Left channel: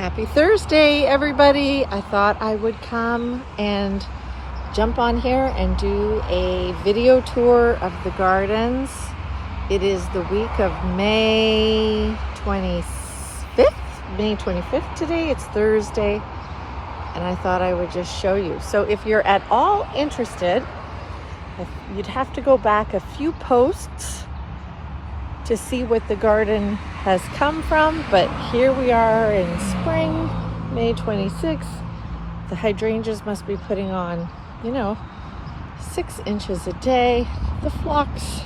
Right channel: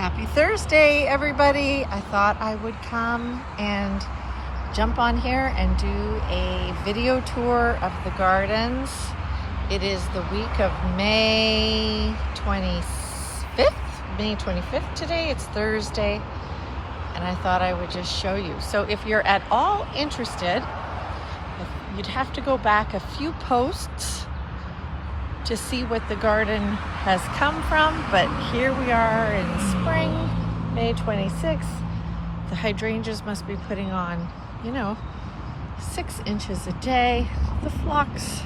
Happy Thursday, everybody. I thought I would come and jump on here and do a video tour of the gardens. It is the week of May 25th today. It's Thursday, and I thought I would just show you. So if you're at all interested, you'd have to go back a few posts to see what the garden has come from, but here we are in spring, May 26th. The hydrangeas must be putting on, 6 inches a day. The phlox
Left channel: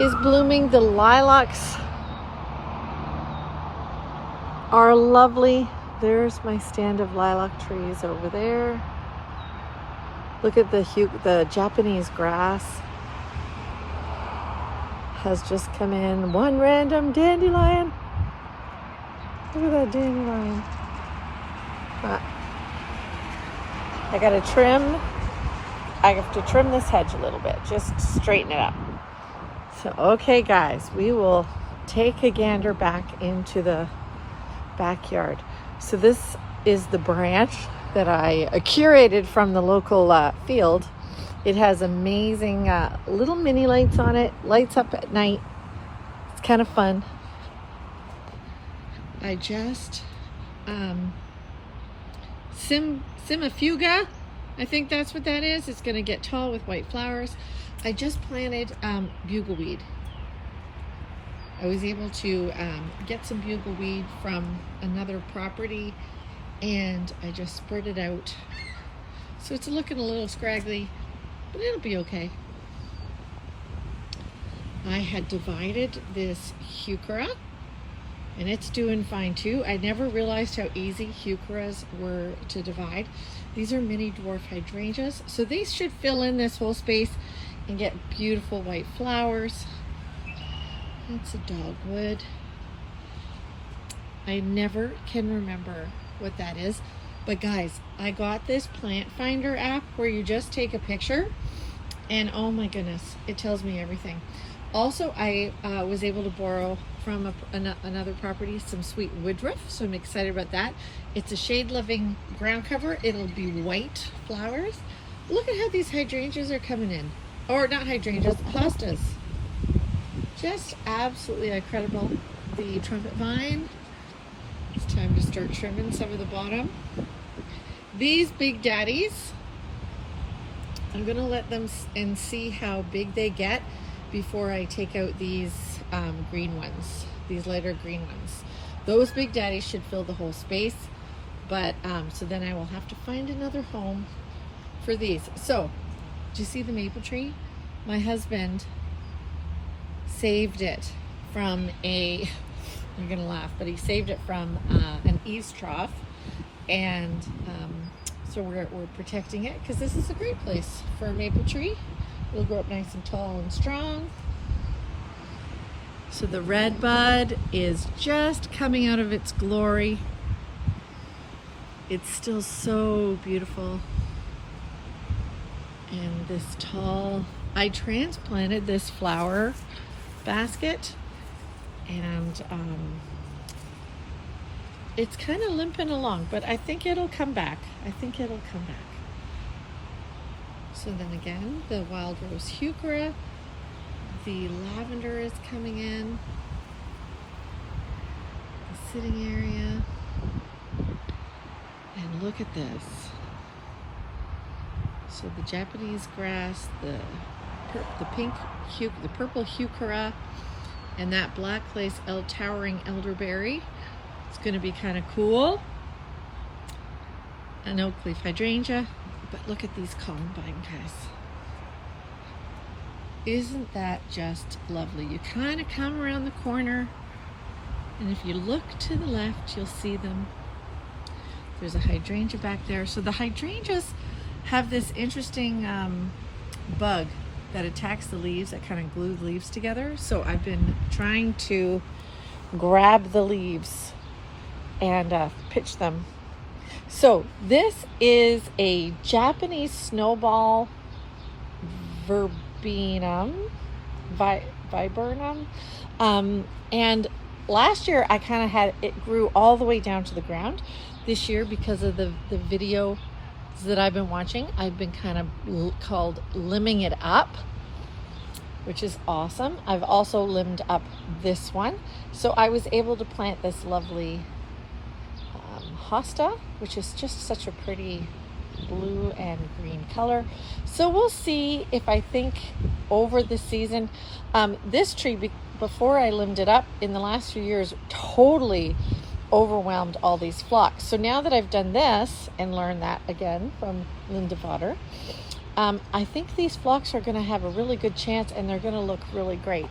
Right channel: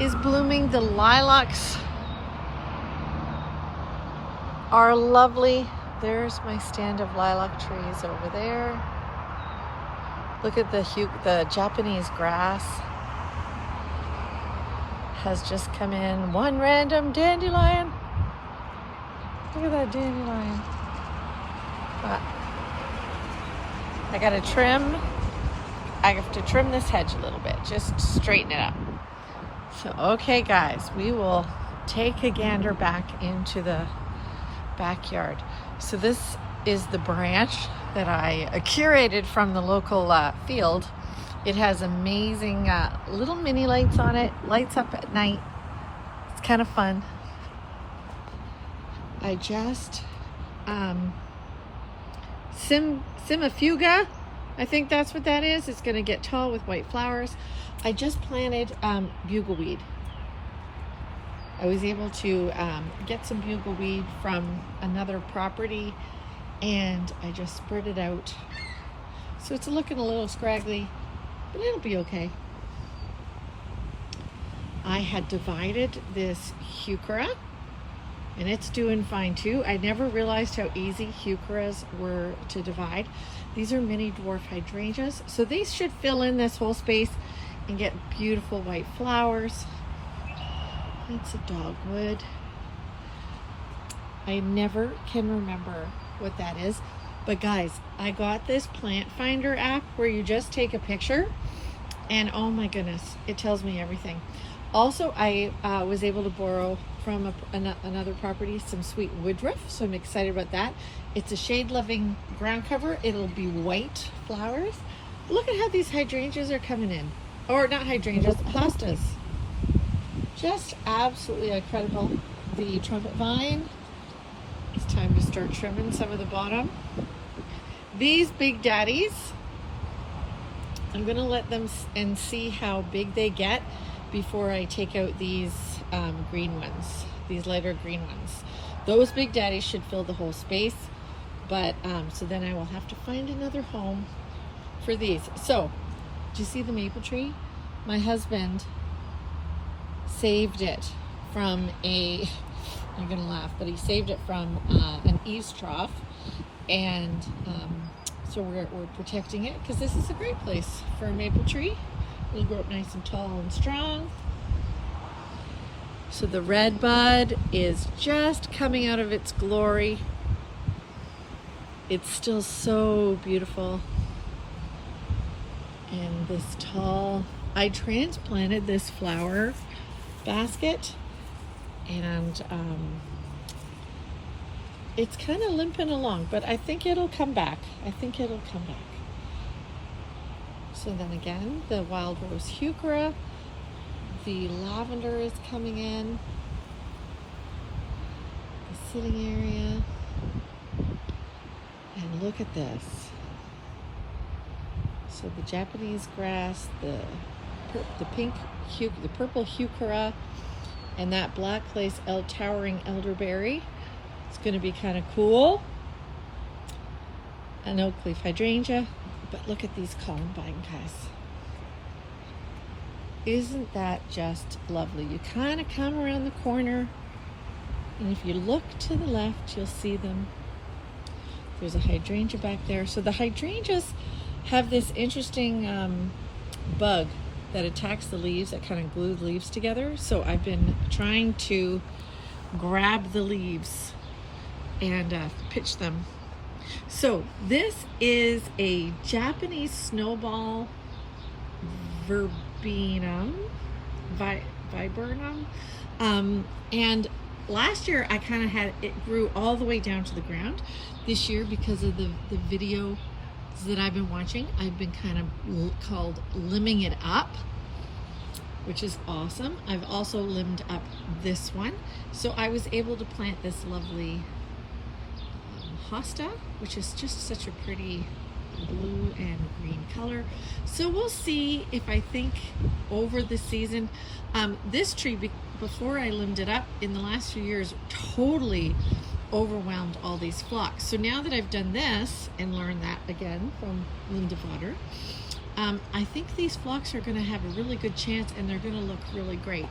is blooming. The lilacs are lovely. There's my stand of lilac trees over there. Look at the Japanese grass has just come in. One random dandelion. Look at that dandelion. I gotta trim. I have to trim this hedge a little bit, just straighten it up. So, okay guys, we will take a gander back into the backyard. So this is the branch that I curated from the local field. It has amazing little mini lights on it, lights up at night. It's kind of fun. I just Simafuga, I think that's what that is. It's going to get tall with white flowers. I just planted bugleweed. I was able to get some bugleweed from another property, and I just spread it out. So it's looking a little scraggly, but it'll be okay. I had divided this Heuchera, and it's doing fine too. I never realized how easy Heucheras were to divide. These are mini dwarf hydrangeas, so these should fill in this whole space and get beautiful white flowers. It's a dogwood. I never can remember what that is. But guys, I got this plant finder app where you just take a picture, and oh my goodness, it tells me everything. Also, I was able to borrow from another property some sweet woodruff, so I'm excited about that. It's a shade-loving ground cover. It'll be white flowers. Look at how these hydrangeas are coming in. Or not hydrangeas, hostas. Just absolutely incredible. The trumpet vine. It's time to start trimming some of the bottom. These big daddies, I'm gonna let them and see how big they get before I take out these green ones, these lighter green ones. Those big daddies should fill the whole space, but so then I will have to find another home for these. So, do you see the maple tree? My husband saved it from you're gonna laugh, but he saved it from an eaves trough, and so we're protecting it because this is a great place for a maple tree. It'll grow up nice and tall and strong. So the red bud is just coming out of its glory. It's still so beautiful. And this tall, I transplanted this flower basket, and it's kind of limping along, but I think it'll come back. So then again, the wild rose Heuchera, the lavender is coming in, the sitting area, and look at this. So the Japanese grass, the purple Heuchera, and that black lace towering elderberry. It's going to be kind of cool. An oak leaf hydrangea, but look at these columbine guys. Isn't that just lovely? You kind of come around the corner, and if you look to the left, you'll see them. There's a hydrangea back there. So the hydrangeas have this interesting bug that attacks the leaves, that kind of glue the leaves together. So I've been trying to grab the leaves and pitch them. So this is a Japanese snowball Verbena, Burnham, and last year I kind of had it grew all the way down to the ground. This year, because of the videos that I've been watching, I've been kind of called limbing it up, which is awesome. I've also limbed up this one. So I was able to plant this lovely hosta, which is just such a pretty blue and green color. So we'll see if I think over the season, this tree, before I limbed it up in the last few years, totally overwhelmed all these phlox. So now that I've done this and learned that again from Linda Vater, I think these phlox are going to have a really good chance, and they're going to look really great.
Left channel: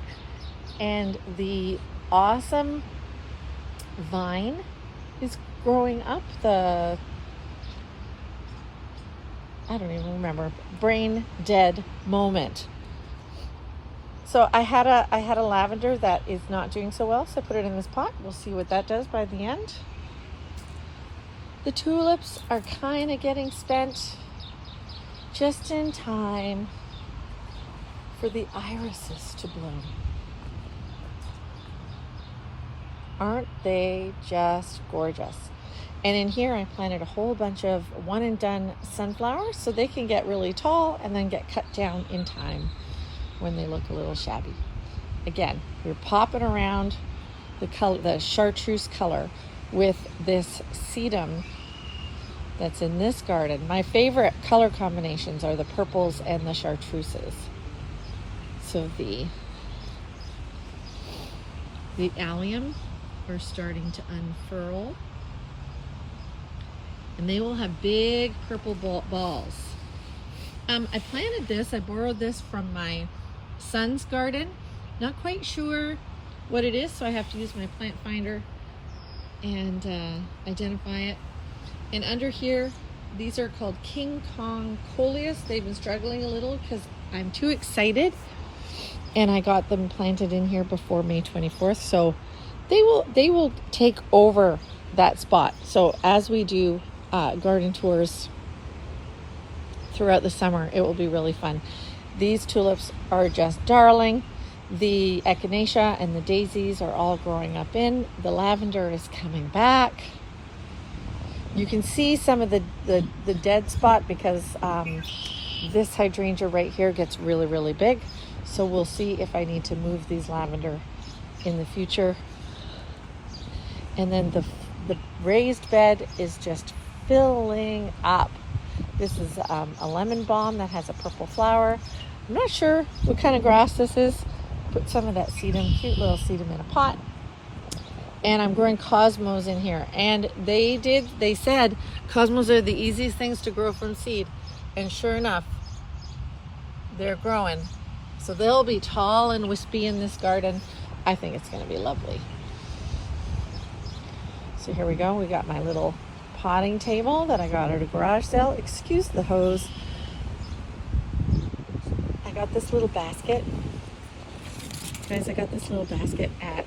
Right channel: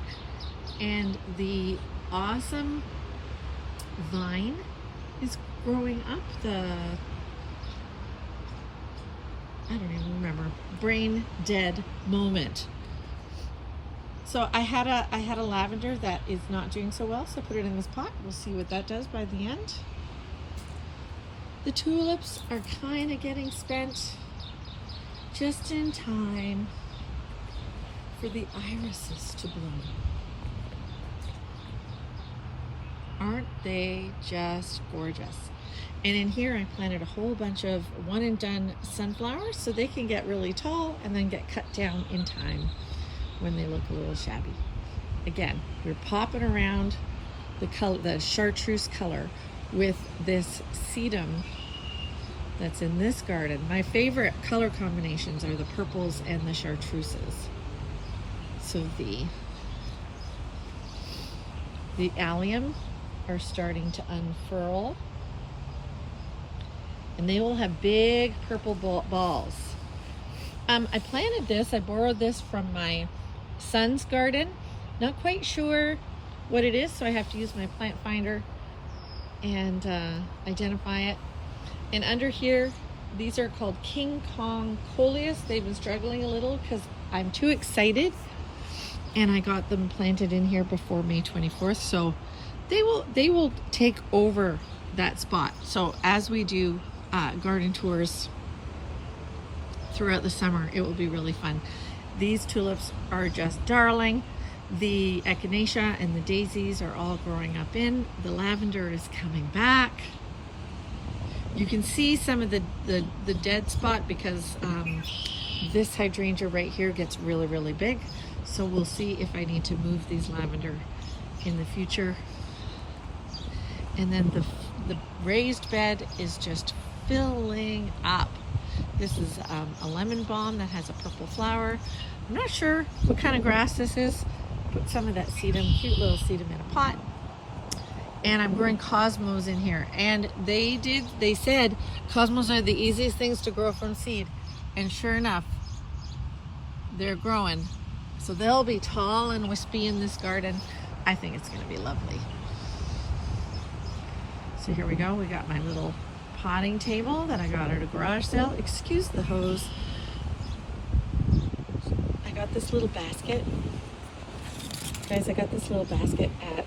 And the awesome vine is growing up. I don't even remember, brain dead moment. So I had a lavender that is not doing so well, so I put it in this pot. We'll see what that does by the end. The tulips are kind of getting spent just in time for the irises to bloom. Aren't they just gorgeous? And in here I planted a whole bunch of one and done sunflowers so they can get really tall and then get cut down in time when they look a little shabby. Again, we're popping around the color, the chartreuse color, with this sedum that's in this garden. My favorite color combinations are the purples and the chartreuses. So the allium are starting to unfurl, and they will have big purple balls. I planted this, I borrowed this from my son's garden. Not quite sure what it is, so I have to use my plant finder and identify it. And under here, these are called King Kong Coleus. They've been struggling a little because I'm too excited, and I got them planted in here before May 24th, so they will take over that spot. So as we do garden tours throughout the summer, it will be really fun. These tulips are just darling. The Echinacea and the Daisies are all growing up in. The lavender is coming back. You can see some of the dead spot because this hydrangea right here gets really, really big. So we'll see if I need to move these lavender in the future. And then the raised bed is just filling up. This is a lemon balm that has a purple flower. I'm not sure what kind of grass this is. Put some of that sedum, cute little sedum, in a pot. And I'm growing cosmos in here. And they said cosmos are the easiest things to grow from seed. And sure enough, they're growing. So they'll be tall and wispy in this garden. I think it's gonna be lovely. So here we go. We got my little potting table that I got at a garage sale. Excuse the hose. I got this little basket. Guys, I got this little basket at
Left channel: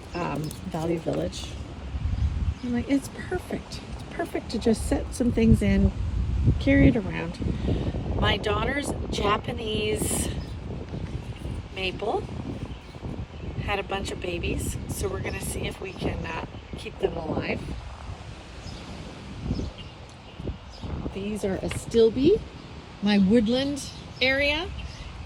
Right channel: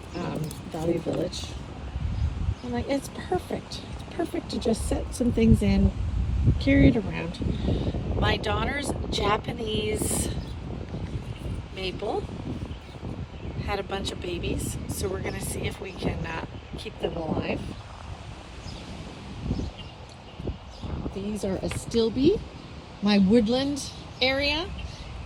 Value Village. I'm like, it's perfect. It's perfect to just set some things in, carry it around. My daughter's Japanese maple had a bunch of babies, so we're gonna see if we can keep them alive. These are Astilbe, my woodland area,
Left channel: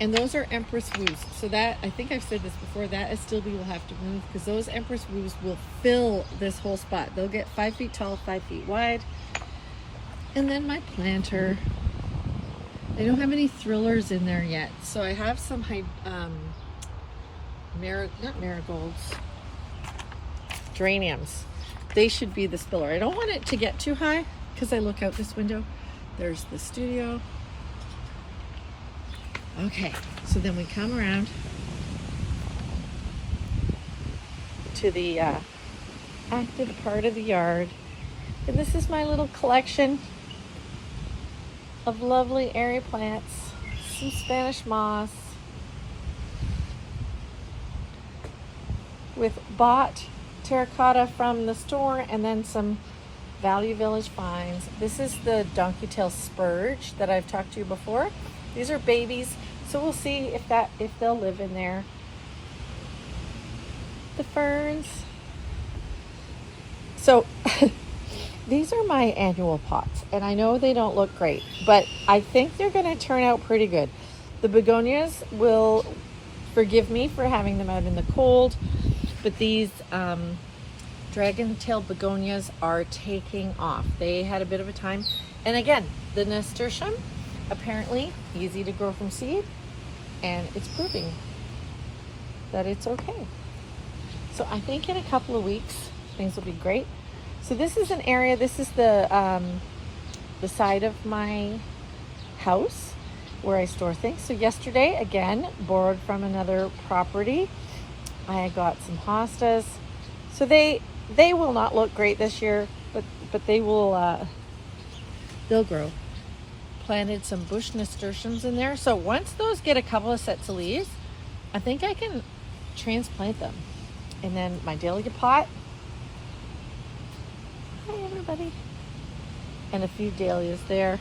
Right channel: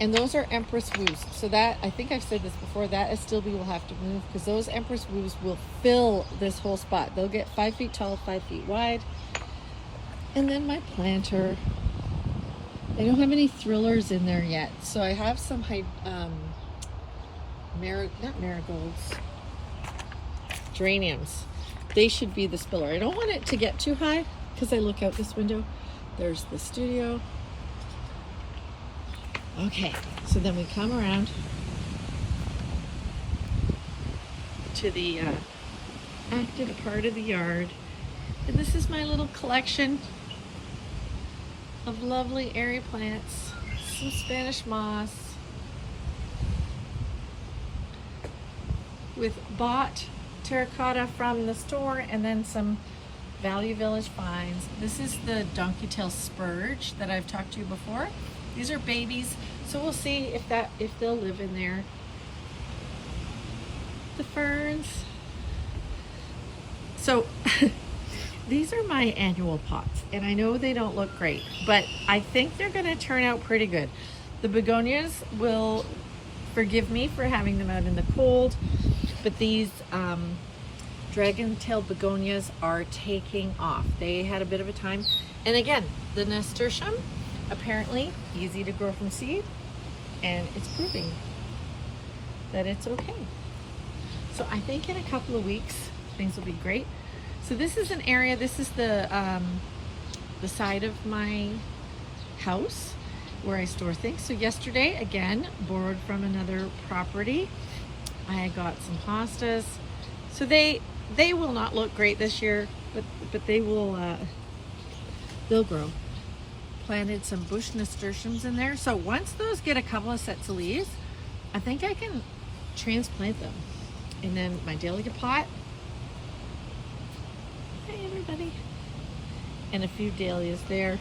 and those are Empress Woos. So that, I think I've said this before, that Astilbe will have to move because those Empress Woos will fill this whole spot. They'll get 5 feet tall, 5 feet wide. And then my planter, I don't have any thrillers in there yet. So I have some, not marigolds, geraniums. They should be the spiller. I don't want it to get too high because I look out this window. There's the studio. Okay, so then we come around to the active part of the yard. And this is my little collection of lovely airy plants, some Spanish moss, with bought terracotta from the store, and then some Value Village vines. This is the donkey tail spurge that I've talked to you before. These are babies, so we'll see if they'll live in there. The ferns, So these are my annual pots, and I know they don't look great, but I think they're going to turn out pretty good. The begonias will forgive me for having them out in the cold, but these dragon-tailed begonias are taking off. They had a bit of a time. And again, the nasturtium, apparently easy to grow from seed, and it's proving that it's okay. So I think in a couple of weeks, things will be great. So this is an area, this is the side of my house where I store things. So yesterday, again, borrowed from another property. I got some hostas. So they will not look great this year, but they will, they'll grow. Planted some bush nasturtiums in there. So once those get a couple of sets of leaves, I think I can transplant them. And then my dahlia pot. Hi everybody. And a few dahlias there.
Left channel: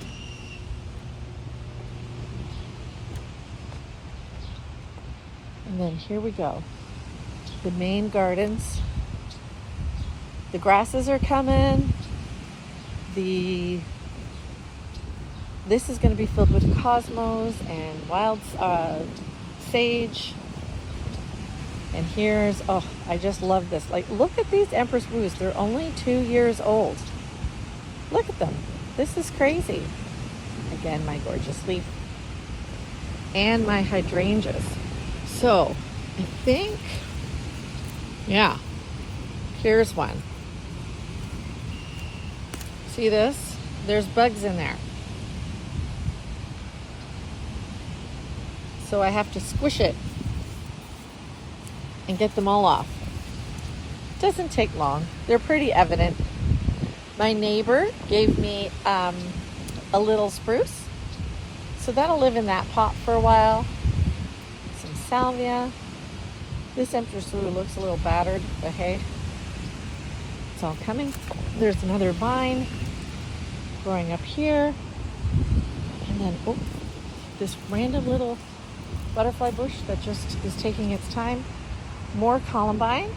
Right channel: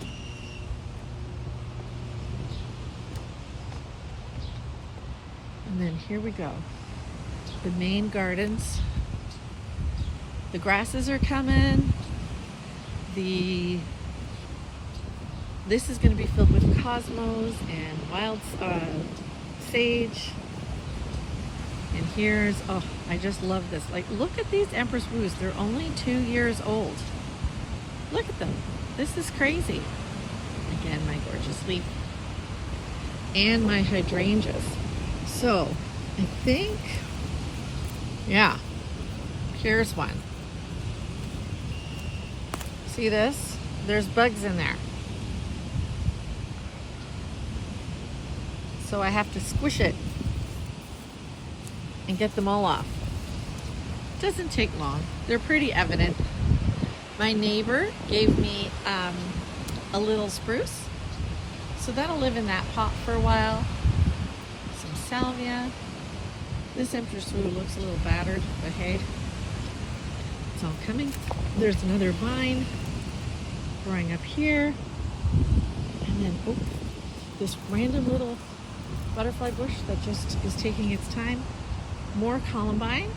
And then here we go. The main gardens. The grasses are coming. This is going to be filled with cosmos and wild sage. And here's, oh, I just love this. Like, look at these Empress Woos. They're only 2 years old. Look at them. This is crazy. Again, my gorgeous leaf. And my hydrangeas. So, I think, yeah, here's one. See this? There's bugs in there. So I have to squish it and get them all off. Doesn't take long. They're pretty evident. My neighbor gave me a little spruce. So that'll live in that pot for a while. Some salvia. This Empress Woo looks a little battered, but hey, it's all coming. There's another vine growing up here. And then, oh, this random little butterfly bush that just is taking its time. More columbine.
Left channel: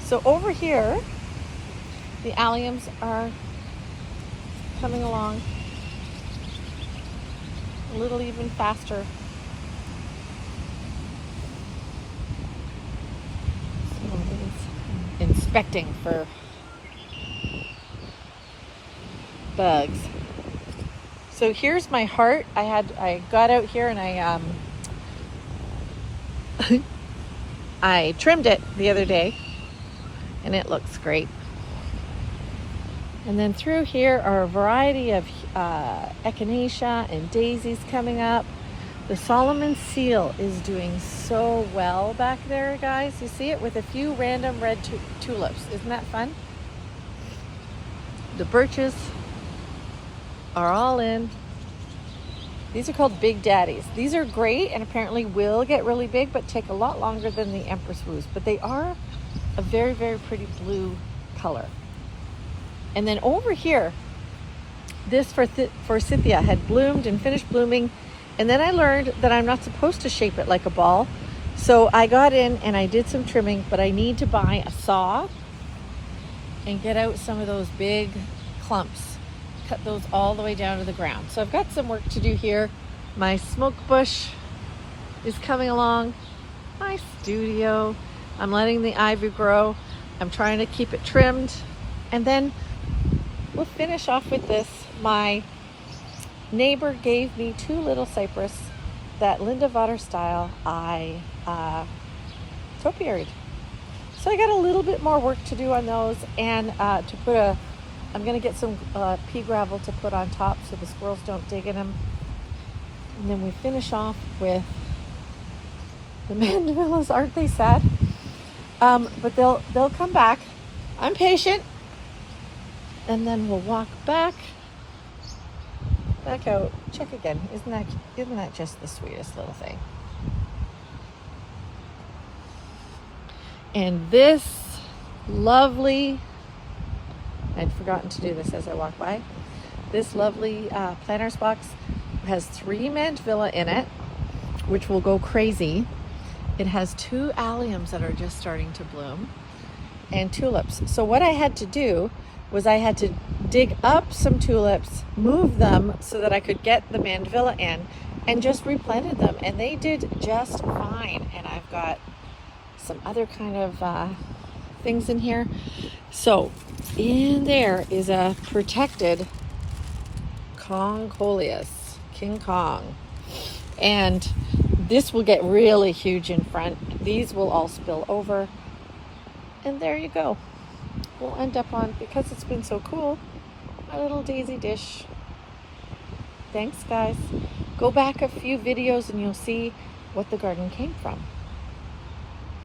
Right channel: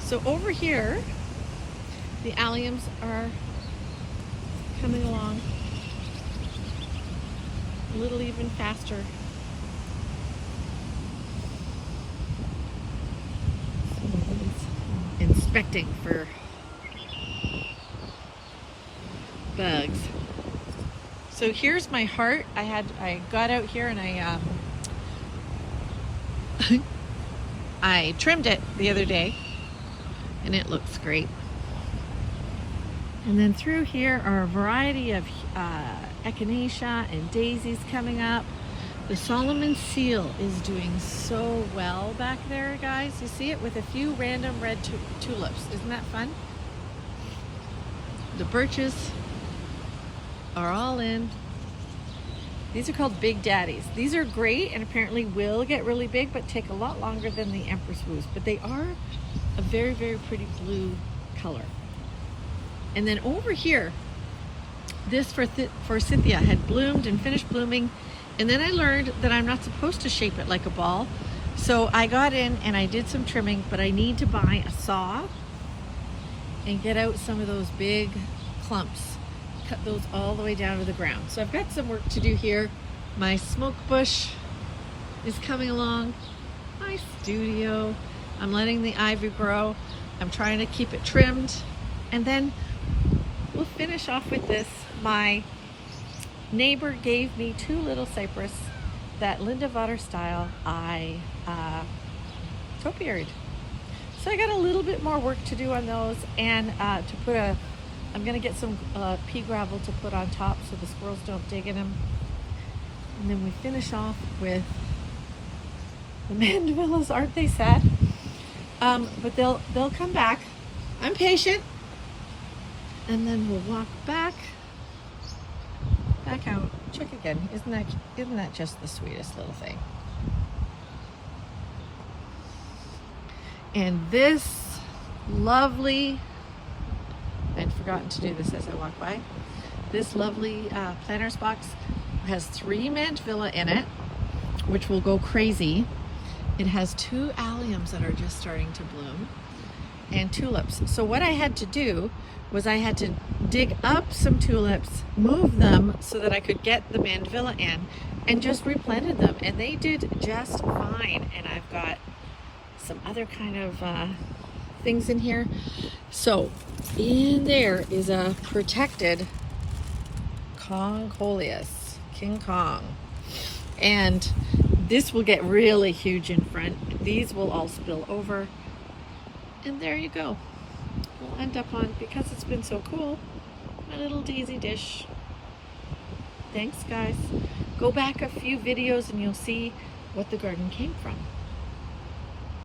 So over here, the alliums are coming along a little even faster. Inspecting for bugs. So here's my heart. I got out here and I trimmed it the other day, and it looks great. And then through here are a variety of Echinacea and Daisies coming up. The Solomon seal is doing so well back there, guys. You see it with a few random red tulips. Isn't that fun? The birches are all in. These are called Big Daddies. These are great and apparently will get really big, but take a lot longer than the Empress Woos. But they are a very, very pretty blue color. And then over here, this forsythia had bloomed and finished blooming. And then I learned that I'm not supposed to shape it like a ball. So I got in and I did some trimming, but I need to buy a saw and get out some of those big clumps. Cut those all the way down to the ground. So I've got some work to do here. My smoke bush is coming along. My studio. I'm letting the ivy grow. I'm trying to keep it trimmed. And then we'll finish off with this. My neighbor gave me 2 little cypress that Linda Vater style I topiaried. So I got a little bit more work to do on those, and to put I'm going to get some pea gravel to put on top so the squirrels don't dig in them. And then we finish off with the mandavillas. Aren't they sad? But they'll come back. I'm patient. And then we'll walk back out. Check again. Isn't that just the sweetest little thing? And this lovely, I'd forgotten to do this as I walk by. This lovely planters box has 3 mandevilla in it, which will go crazy. It has 2 alliums that are just starting to bloom. and tulips. So what I had to do was I had to dig up some tulips, move them so that I could get the mandevilla in, and just replanted them, and they did just fine. And I've got some other kind of things in here. So in there is a protected Coleus, King Kong, and this will get really huge in front. These will all spill over, and there you go. We'll end up on, because it's been so cool, a little daisy dish. Thanks guys. Go back a few videos and you'll see what the garden came from.